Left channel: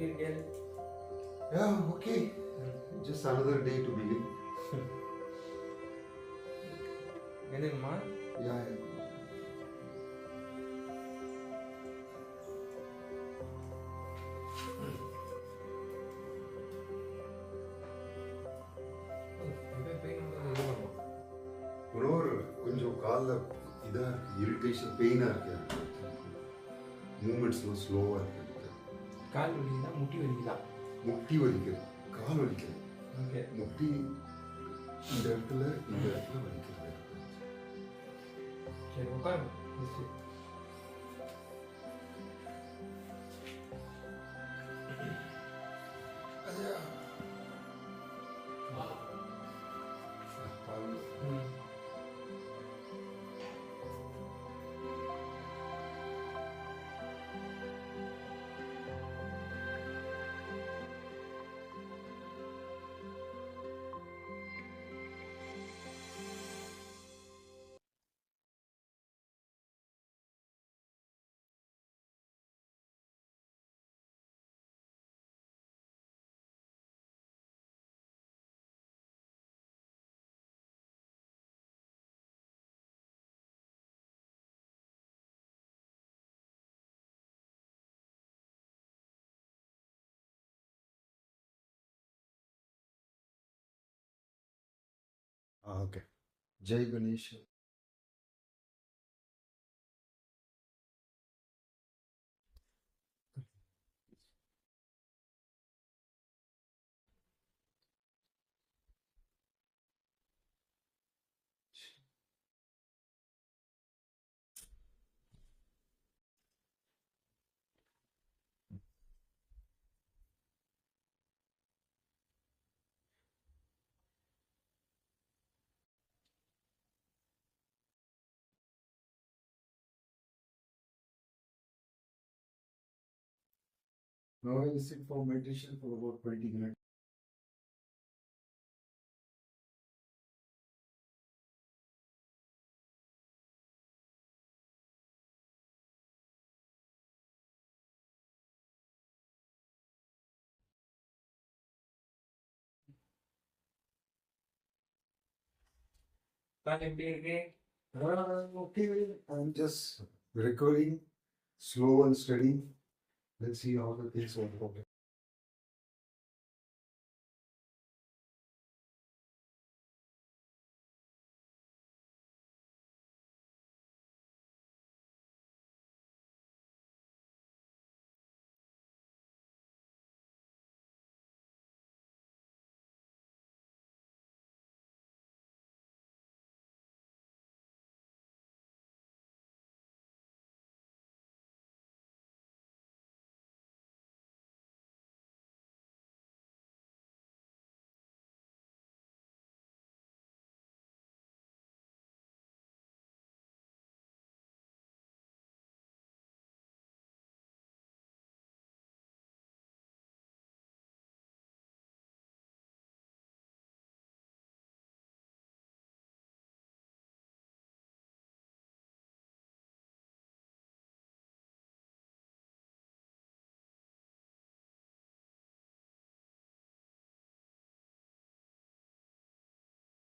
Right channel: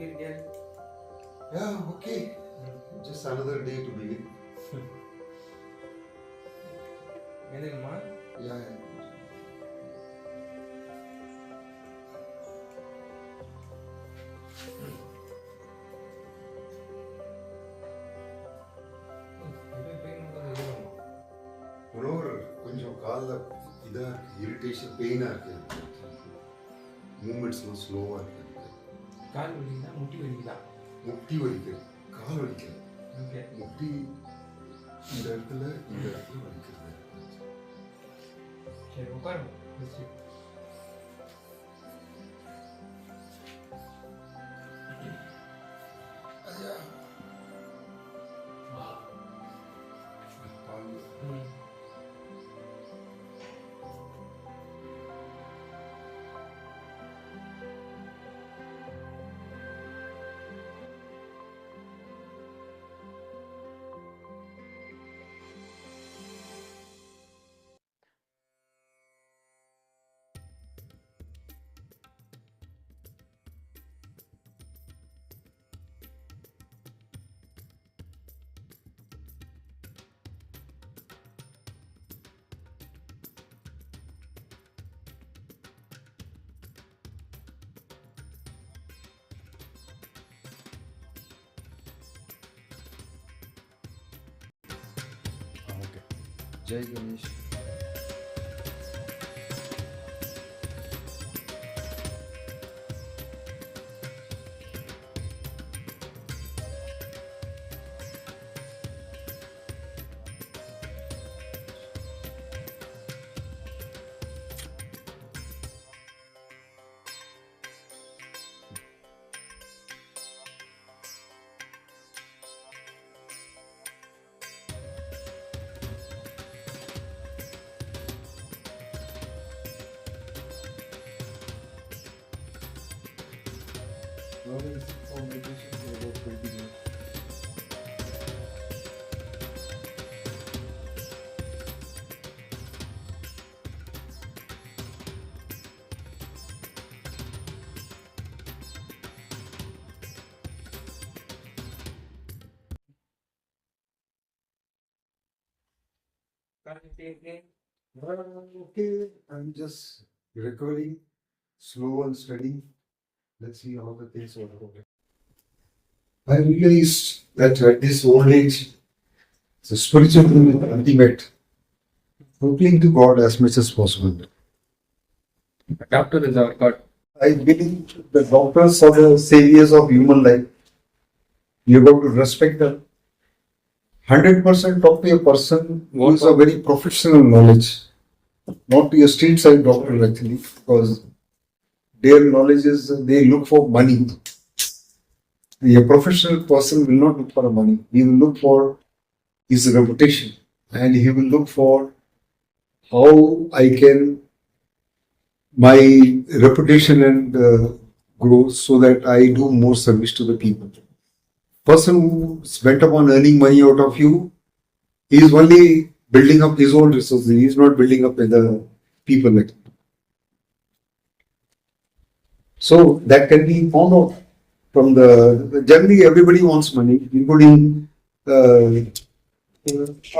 Yeah, okay. Just another day to begin. Yeah. கொஞ்சம் காலில் இதாக இருக்குது, இரிட்டேஷன் பெயினாக இருக்குது, மூமெண்ட்ஸ்லாம் ஸ்லோவாக இருக்குது. கால் வலிக்குதா முட்டி வலிக்குதா? முட்டி வலிக்குது, கால் வலிக்குது. ஓகே, முட்டி இந்த இடத்துல வலிக்கிறது. சரி உட்காருங்க. Okay. Jai Ganesh. Now I will sit for meditation for about 20 minutes. Okay, I'm just recovering, slow and steady. Let's see how the things work out. I realized that at this old age, the spiritual thing is ultimate. Appealing to God as much as possible. A doctor is our God. I believe the doctors are the saviors of human life. You have to respect them. 100% talk to a person who is a very professional knowledge, not to a street side doctor actually, because their knowledge is they look for money. A professional person will not look for money. He will look for his reputation, and he will look for how I can my reputation and grow so that I do more service to the people. Person who's bent upon earning money out of you, he is only building up his own resources. He is not building up the people like. So that can be found out from the generally everybody wants money, including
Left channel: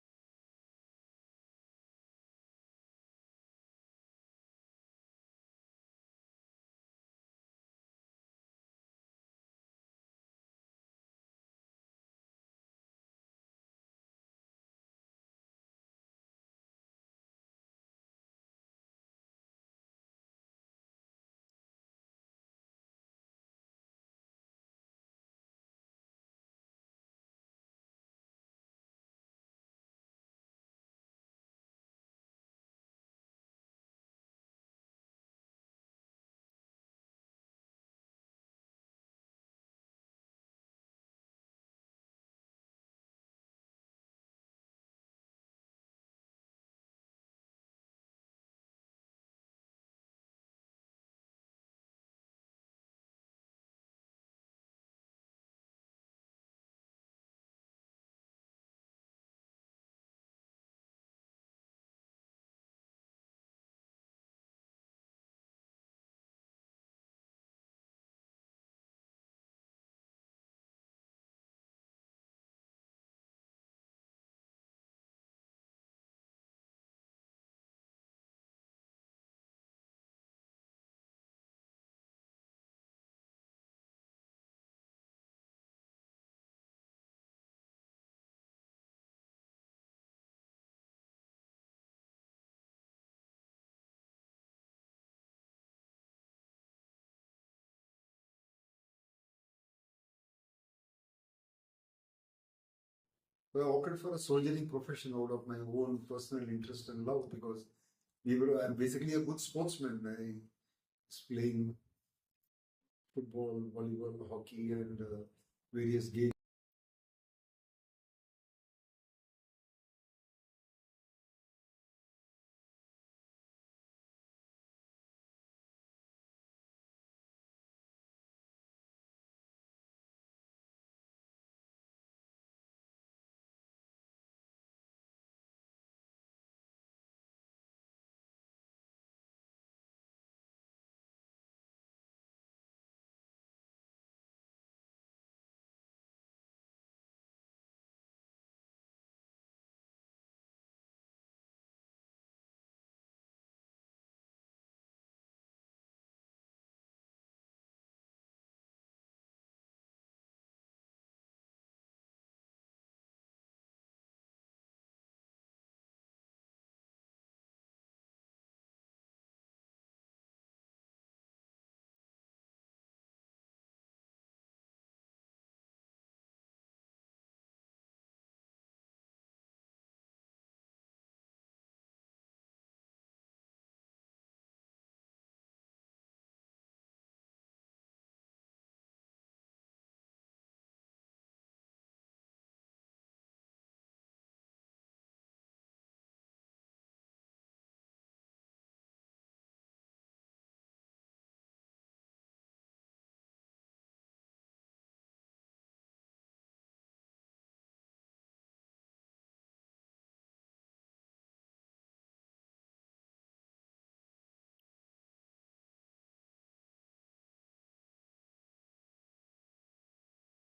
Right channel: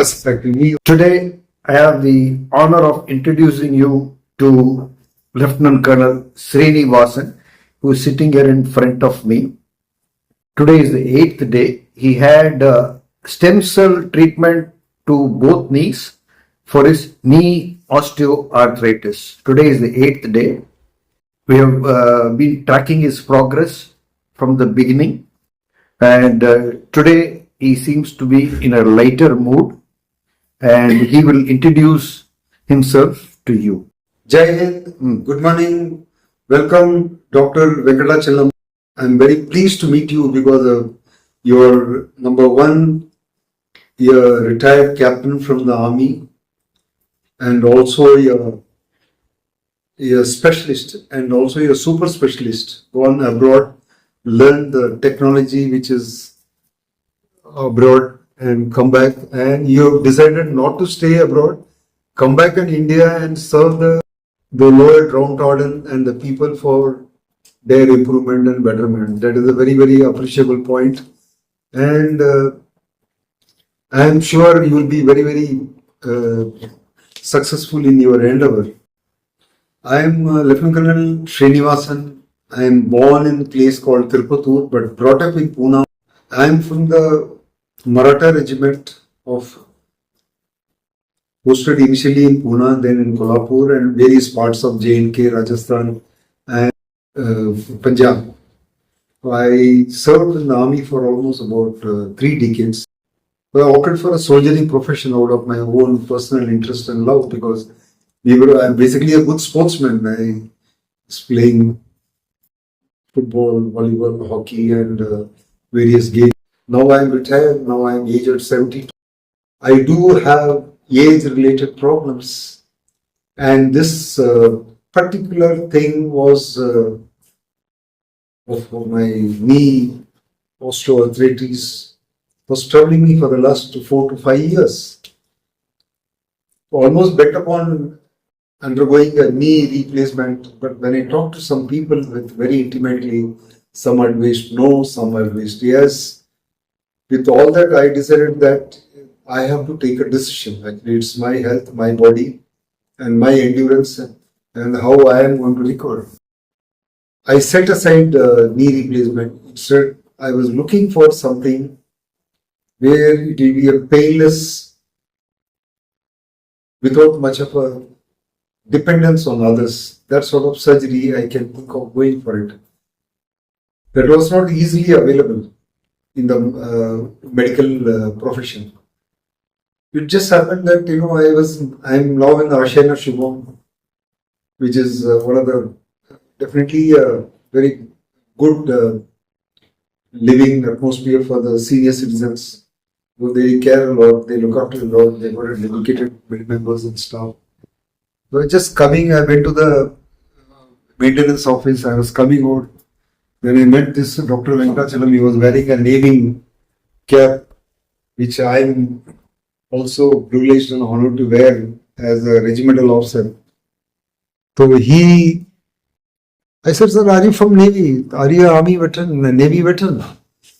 us actually. Today I have the honor of introducing you to Lieutenant Colonel Srinivasan, who is sitting here in front of me. Today is the 8th day. He had stem cell treatment to both knees for his knee osteoarthritis. Today is the 8th day. We have been tracking his progress from the beginning, and today he seems to be in a lighter mood, and he will introduce himself to you. Jai Hind, good morning. Welcome, Dr. Venkatachalam. I'm very pleased to meet you because you're number one, you're a retired captain from the army, and also you're a specialist, and also you're a super specialist. Gone abroad, learned the technology which is abroad, and come back. And you have decided not to stay abroad, come back in India and serve the lower downtrodden and the people for their improvement and betterment. That is a very, very appreciable point. And I am sure you will be very, very successful in your endeavor. I am Lieutenant Colonel Srinivasan. I am born in a place called Tirupattur but brought up in Pune. I am from the Maratha Regiment of posted initially in Pune, then in Kolhapur and various parts of J&K, Rajasthan and Punjab. I served in the army for almost about 3 decades. So I opted for a soldiering profession out of my own personal interest and love because I'm basically a good sportsman. I was playing football, volleyball, hockey, and various games. Now I'm retired. Now I'm aged 72. I do have age-related problems, and this particular thing was of my knee osteoarthritis was troubling me for the last 4 to 5 years. Almost bet upon undergoing a knee replacement, but when I talked to some people with very intimately, some advised no, some advised yes. With all that, I decided that I have to take a decision. Actually, it's my health, my body, and my endurance, and how I am going to recover. I set aside knee replacement. Instead, I was looking for something where it will be a painless, without much of a dependence on others. That sort of surgery I can think of going for it. That was not easily available in the medical profession. It just happened that I'm now in the Ashena Shubham, which is one of the definitely a very good living atmosphere for the senior citizens. So they care a lot, they look after a lot, they've got dedicated members and staff. So I went to the maintenance office, I was coming out. Then I met this Dr. Venkatachalam. He was wearing a navy cap, which I'm also privileged and honored to wear as a regimental officer. So I said, sir, are you from Navy? Are you an Army veteran, a Navy veteran?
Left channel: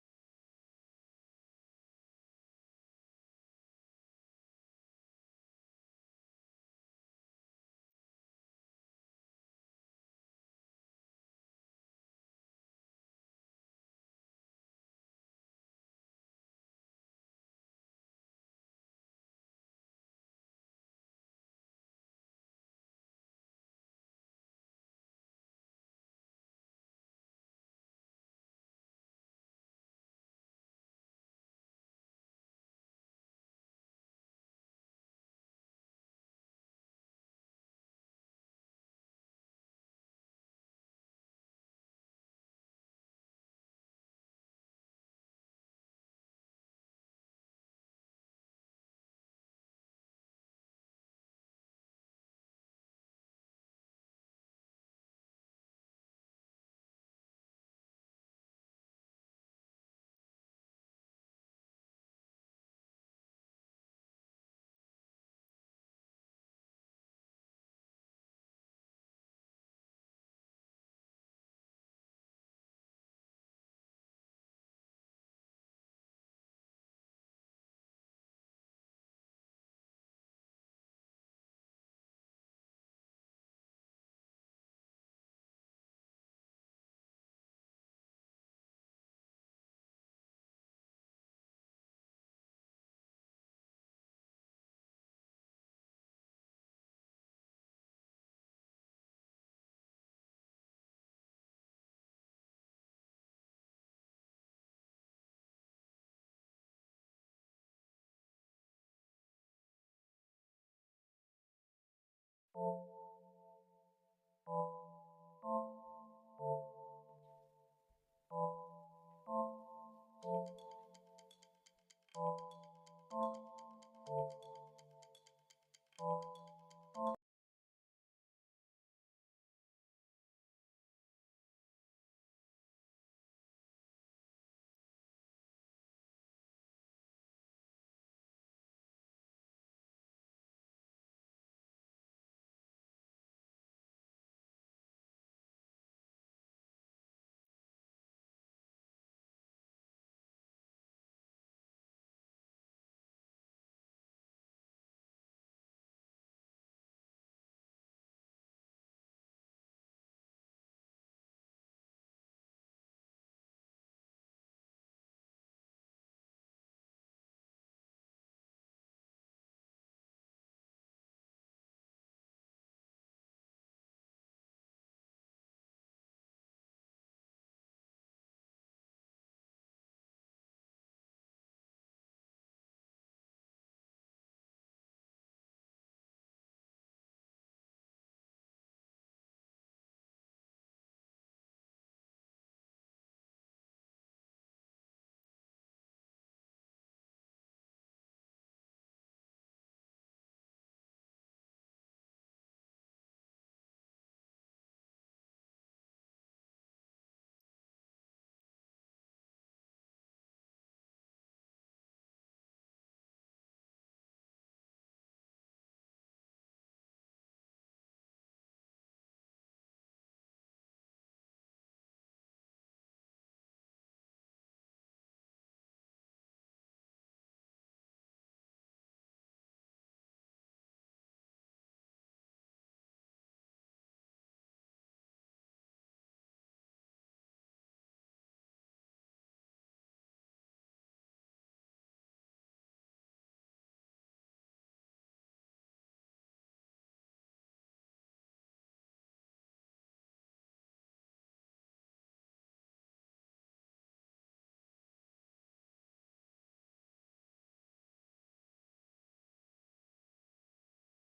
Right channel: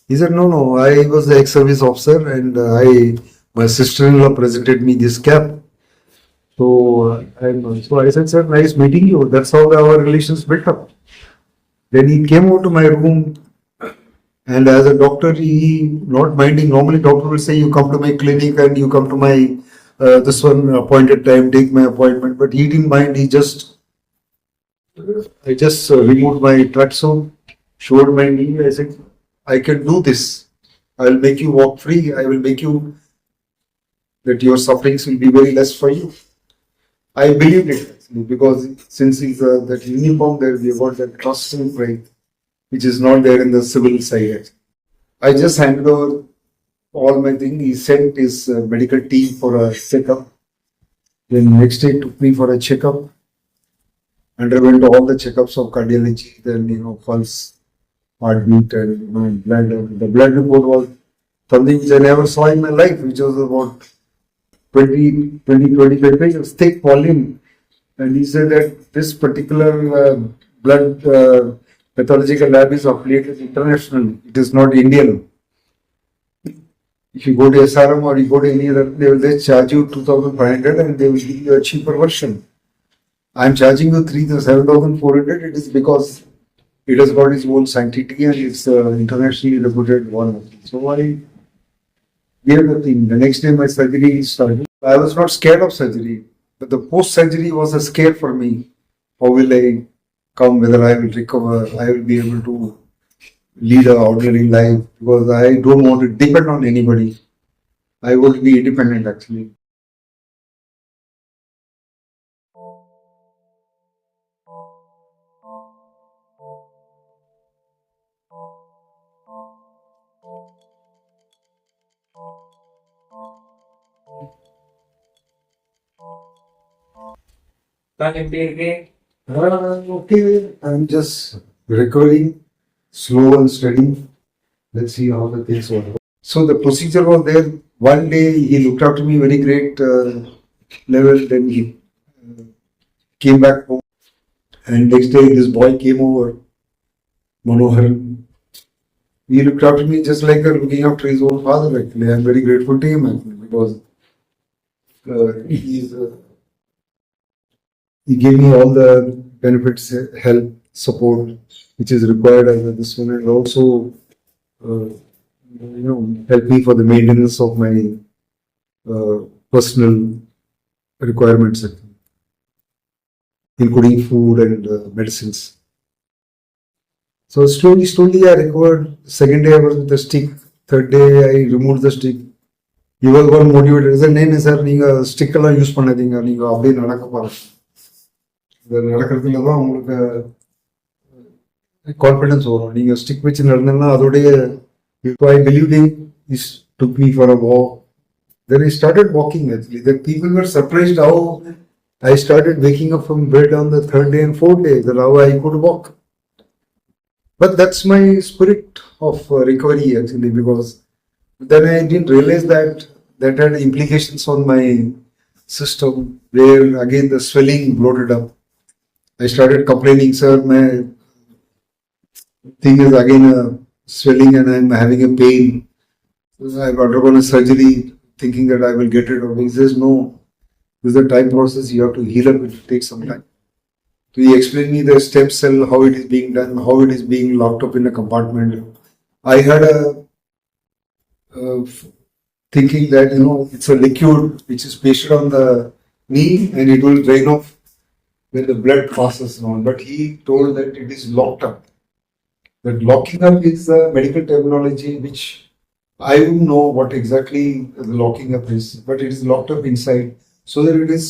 He said, no, I was the ex-service officer and my sister-in-law presented me this cap. So I said, sir, nice meeting you. That's how our relations built up. Then he came over to my room, and as a doctor, he not minding. Normally, doctor will say, you come to my clinic and you come to my this one appointed time, take my appointment. But he didn't mind. I just removed my tracksuit, showed my knee. I said, I can do this. I will make you walk free. I will make you that your sufferings will be very less for you. I believed it actually because since he's that uniform there, we got that trust and pride, which is not there in the civil side. I just handed over all my thing. He sent his medical team for a checkup. Then next day took me for a checkup. Underwent all the checkups of cardiology, then pulse, heartbeat, and blood. The blood report was something which I never saw in my life, which was about 25 pages, thick volume. And he said that this particular blood pathological lab is affiliated internationally. It is not Indian. If you go to SRM or you go to any other, they will just charge you 2,500 and they will give you a cheaper version. I am charging you 7,400. It is because it has got its own sanctity and it's internationally reputed one. So I gave the thing. The next day my surgery started. I was not scared of surgery, but the post-surgery was a scare for me. How will I come? Whether I will recover? I will be able to lead an ordinary life because I don't want to depend on anybody. I want to be independent actually. Okay, I'm just recovering, slow and steady. Let's see how the things work. So the procedure was there. One day he looked after me very great level. Then he came back home, and next day this boy came over. Manohar. He looked after me just like looking after his own father. Actually, I'm very grateful to him actually because he gave me all the benefits, help, support which is required as this one, and also help me for the maintenance of my personal requirements, including food and medicines. So slowly I recovered. Second day I was with the stick. Third day I removed the stick. He was one motivated. Sir, no, sir, நீங்க stick எல்லாம் use பண்ணாதீங்க. நீங்க அப்படியே நடக்க பாருங்க. இது நடக்கிறதுல தான் உங்களுக்கு கான்ஃபிடன்ஸ் வரும். நீங்க ஸ்டிக் வச்சு நடந்தீங்கன்னா அதோடைய I believed him. He took me for a walk. Then I started walking actually. The people were surprised how I started waking up from bed on the third day and fourth day. That how I could walk. But that's my spirit of recovery actually, because then I didn't realize that had implications on my system, where again the swelling bloated up. I started complaining, sir, my thing is again swelling and I'm having a pain. I've undergone a surgery thinking that I will get rid of it. He says, no, this is a time process, you have to heal up, it will take some time. So he explained me the stem cell, how it is being done, how it is being locked up in a compartment. I had a thinking that, it's a liquid which is pasted on the knee and it will drain off when the blood passes on. But he told that it is locked up. That locking up is a medical terminology which I wouldn't know what exactly the locking up is, but it is locked up inside so that it is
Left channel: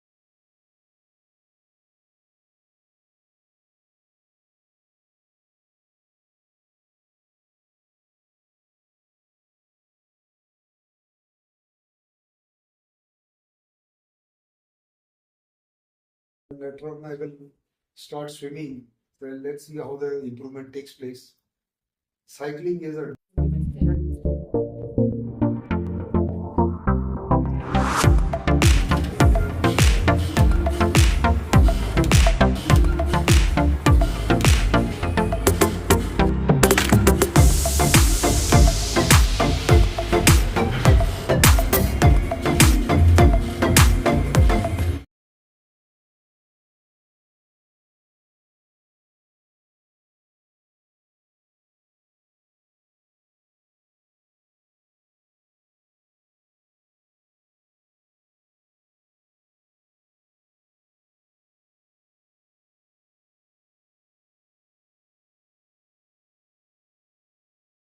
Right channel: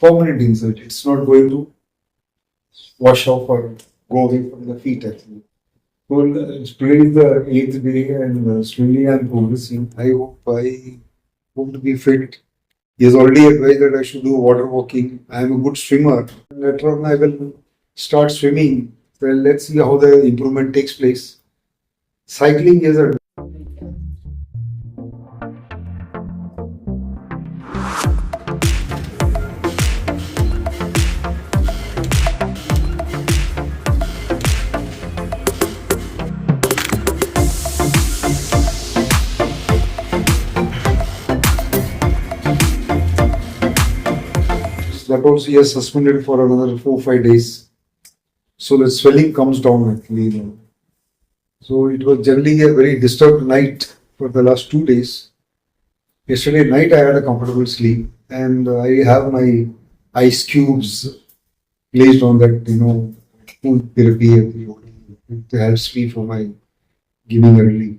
permanent inside. It's not going to wash off or go away from the feet actually. Well, today is the 8th day and slowly I am progressing. I hope to be fit. He has already advised that I should do water walking. I am a good swimmer. Later on I will start swimming. Well, let's see how the improvement takes place. Cycling is a that also he has suspended for another 4-5 days. So the swelling comes down actually. So it was generally a very disturbed night for the last 2 days. Yesterday night I had a comfortable sleep and I have my ice cubes placed on that, food therapy. It helps me for my giving a relief.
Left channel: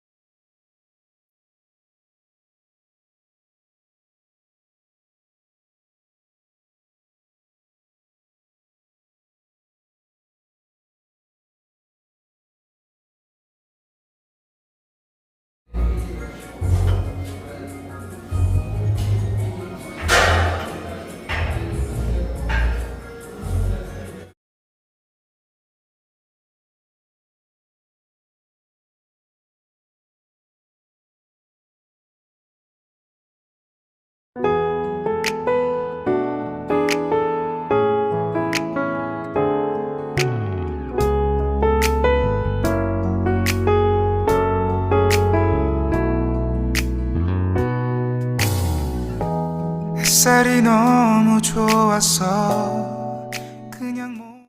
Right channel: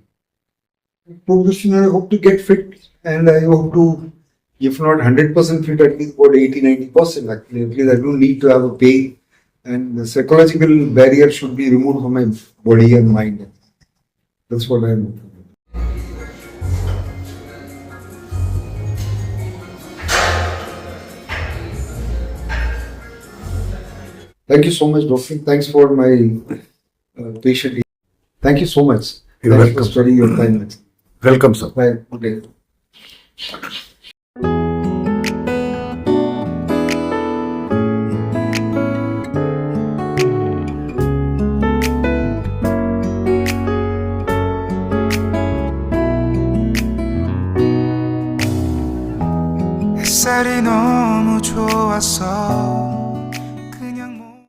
Progression, I hope to get fit and I hope to, if not 100% fit, at least about 80-90% actually. At least I don't need to have a pain. And the psychological barrier should be removed from my body and mind. That's what I am looking for. Thank you so much, Doctor. Thanks for my patient. Thank you so much. You're Thanks welcome. for spending your time. Welcome, sir. Bye. Good day. 햇살이 너무 좋았어